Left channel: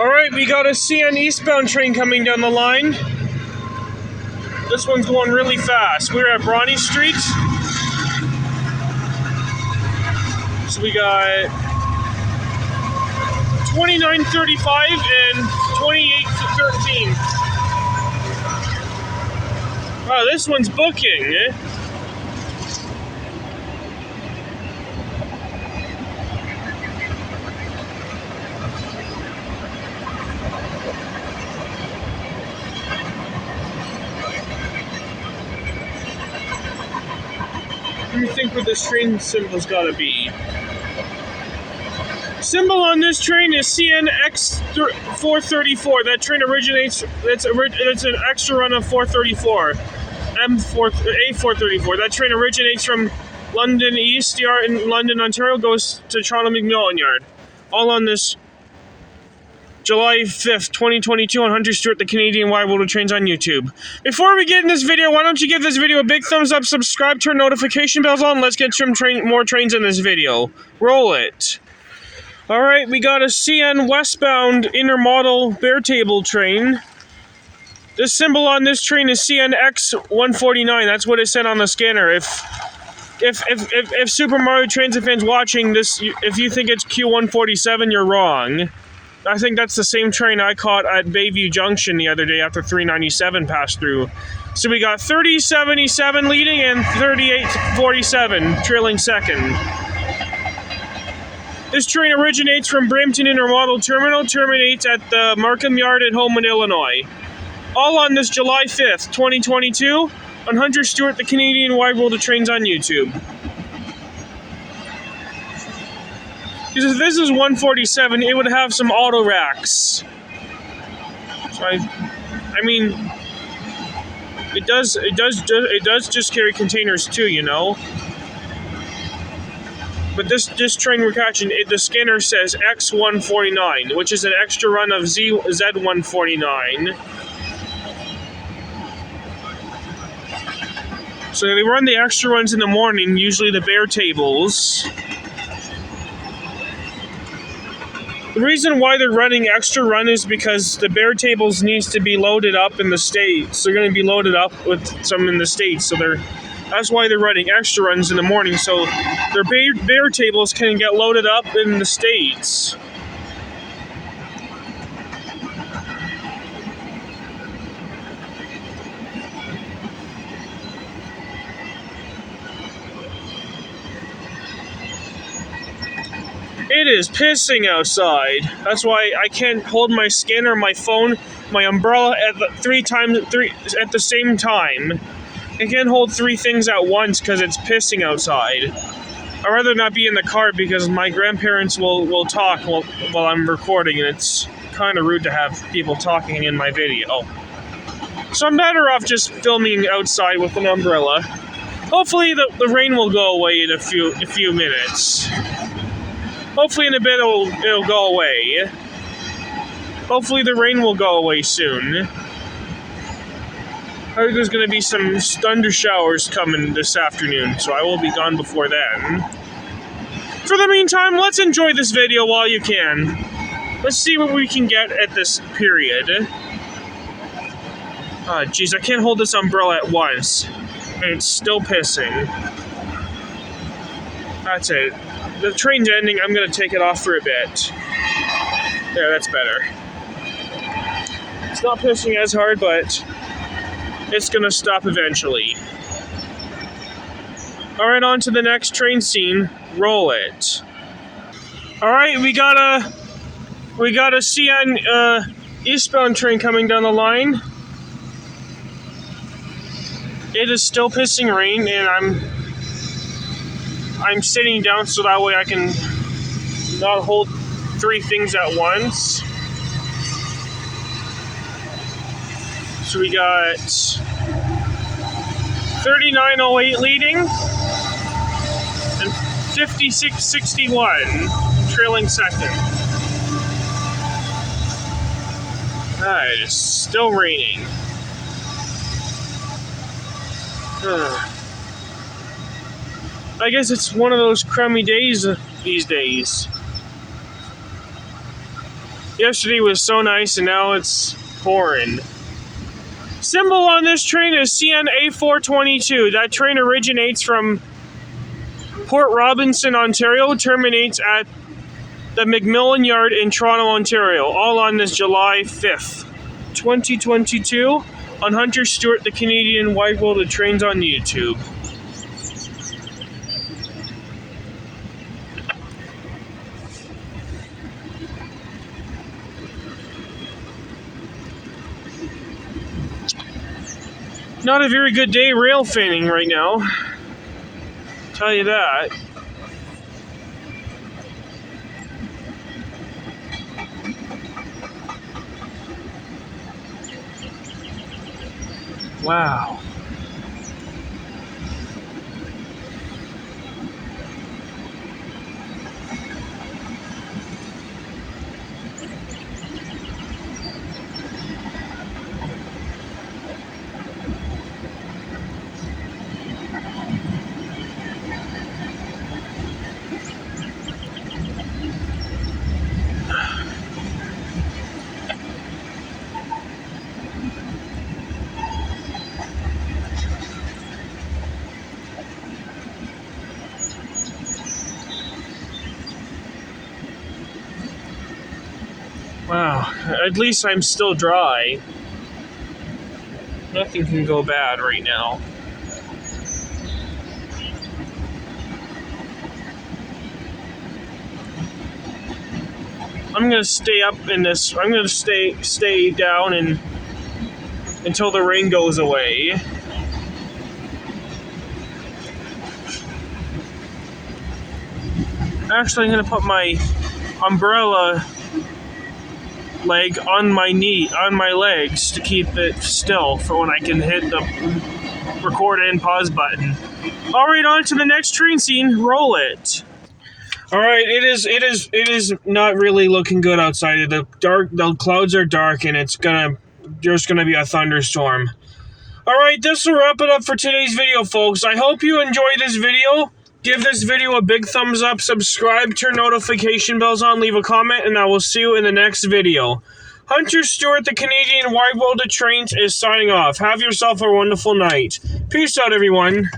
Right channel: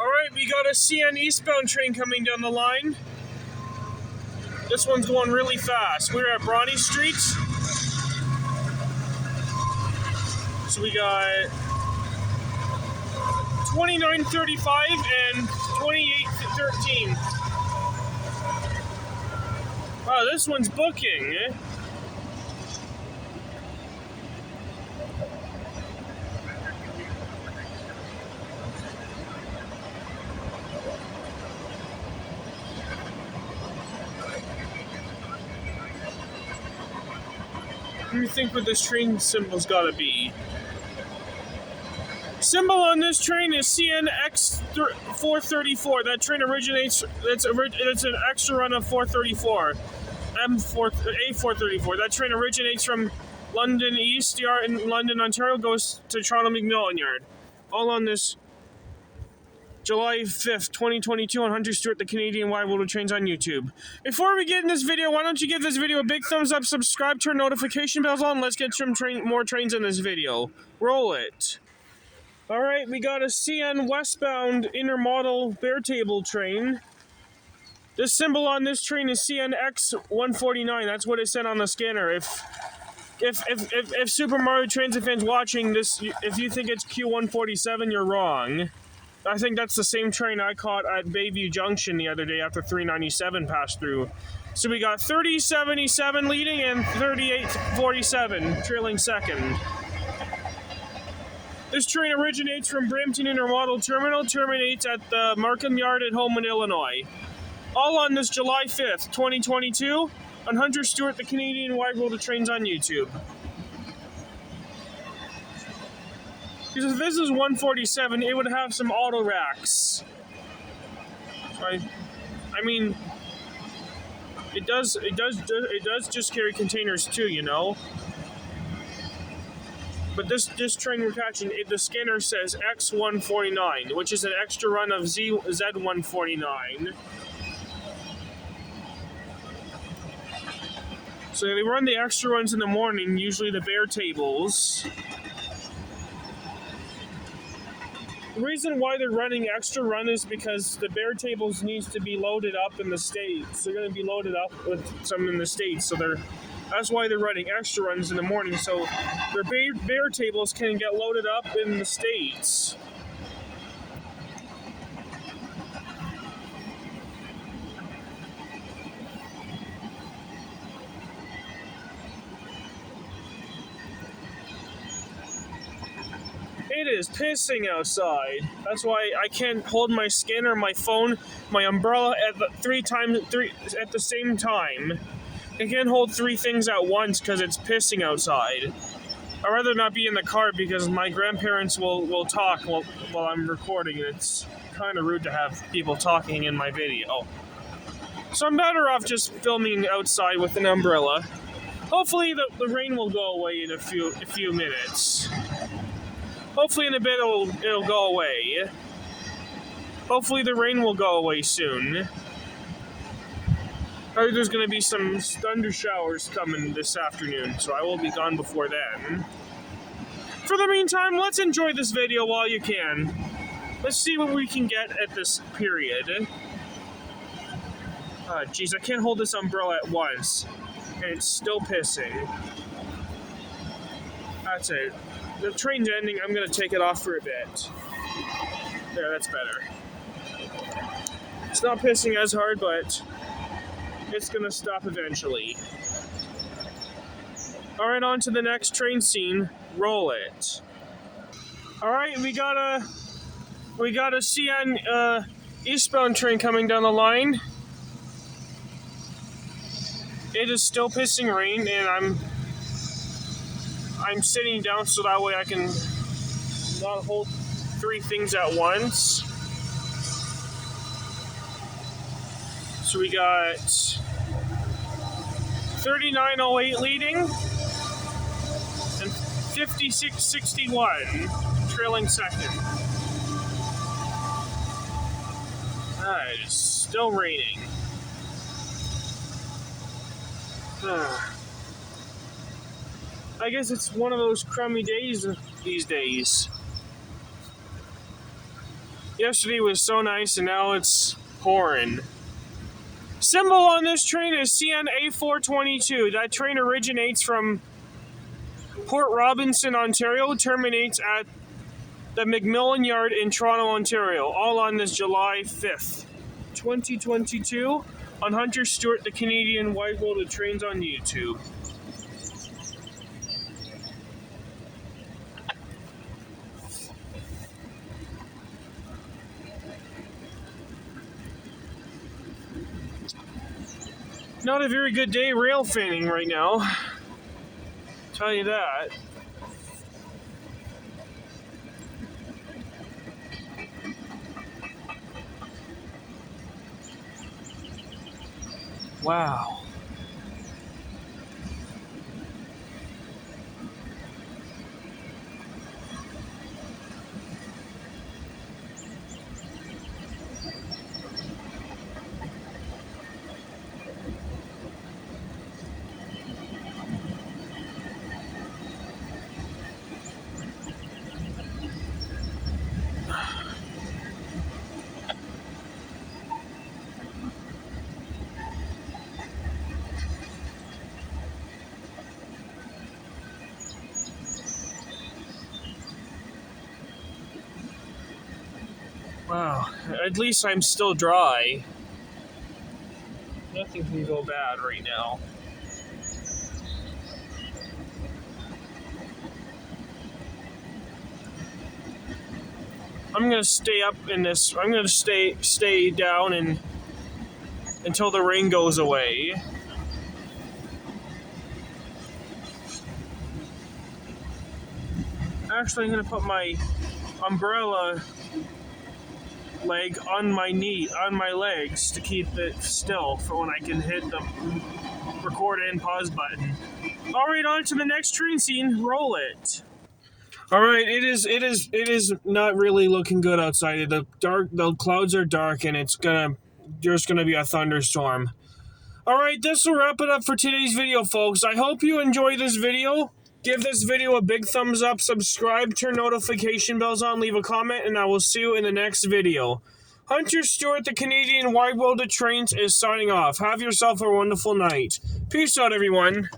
Alright, we got a CN eastbound train coming down the line. This one's going really fast. We're at Bronte Street. So we got 2935 and 2813. Wow, this one's booking, eh? What do you think what this train symbol's gotta be? Symbol on this train is CNX434. That train originates. It's an extra run of 434, A434. That train originates from London East Yard in London, Ontario, goes to Toronto McMillan Yard. All on this July 5th, 2022 on Hunter Stewart, the Canadian Wide World of Trains on YouTube. Before we get in this video, why don't you give this video a big thumbs up, subscribe, turn notification bells on. Let's get some more trains in this video. Roll it. Alright, we got a CN westbound intermodal bare table train. The symbol on this train is CNX149. That's what it said on the scanner. If Super Mario Transit fans watching this, if you think it's Q147, you're wrong. I think that's the same train I caught at Bayview Junction the other day after 397 passed through. So we got 3077 leading and 3847 trailing second. This train originates from Brampton Intermodal Terminal, terminates at the Markham Yard at Holman, Illinois. All on this July 5th, 2022 on Hunter Stewart, the Canadian Wide World of Trains on YouTube. Because if this is 147, it would have some auto racks. So I mean, it does just carry containers too, you know. But this train we're catching, the scanner says X149, which is an extra run of Z149. So they run the extra runs in the morning, usually the bare tables. The reason why they're running extra run is because the bare tables needs to be loaded up in the States. They're going to be loaded up with some in the States, so that's why they're running extra runs in the morning, so their bare tables can get loaded up in the States. It is pissing outside. That's why I can't hold my scanner, my phone, my umbrella at the same time. I can't hold three things at once because it's pissing outside. I'd rather not be in the car because my grandparents will talk while I'm recording, and it's kind of rude to have people talking in my video. So I'm better off just filming outside with an umbrella. Hopefully the rain will go away in a few minutes. Hopefully in a bit it'll go away. Hopefully the rain will go away soon. I heard there's going to be some thunder showers coming this afternoon, so I will be gone before then. For the meantime, let's enjoy this video while you can. Let's see what we can get at this period. Ah, jeez, I can't hold this umbrella at once. And it's still pissing. That's it. The train's ending, I'm going to take it off for a bit. There, that's better. It's not pissing as hard, but it's going to stop eventually. Alright, on to the next train scene. Roll it. Alright, we got a CN eastbound train coming down the line. It is still pissing rain, and I'm sitting down so that way I can not hold three things at once. So we got 3908 leading and 5661 trailing second. Alright, it's still raining. I guess it's one of those crummy days these days. Yesterday was so nice, and now it's pouring. Symbol on this train is CNA422. That train originates from Port Robinson, Ontario, terminates at the McMillan Yard in Toronto, Ontario. All on this July 5th, 2022, on Hunter Stewart, the Canadian Wide-World of Trains on YouTube. Not a very good day rail fanning right now. Tell you that. Wow. Wow, at least I'm still dry. Nothing can go bad right now. I'm gonna stay up in this. I'm gonna stay down and until the rain goes away. Actually, I'm gonna put my umbrella leg on my legs to keep it still for when I can hit the record and pause button. All right, on to the next train scene. Roll it. All right, it is not really looking good outside. The clouds are dark, and there's gonna be a thunderstorm. All right, this will wrap it up for today's video, folks. I hope you enjoyed this video. Give this video a big thumbs up, subscribe, turn notification bells on, leave a comment, and I will see you in the next video. Hunter Stewart, the Canadian Wide World of Trains, is signing off. Have yourself a wonderful night. Peace out, everyone.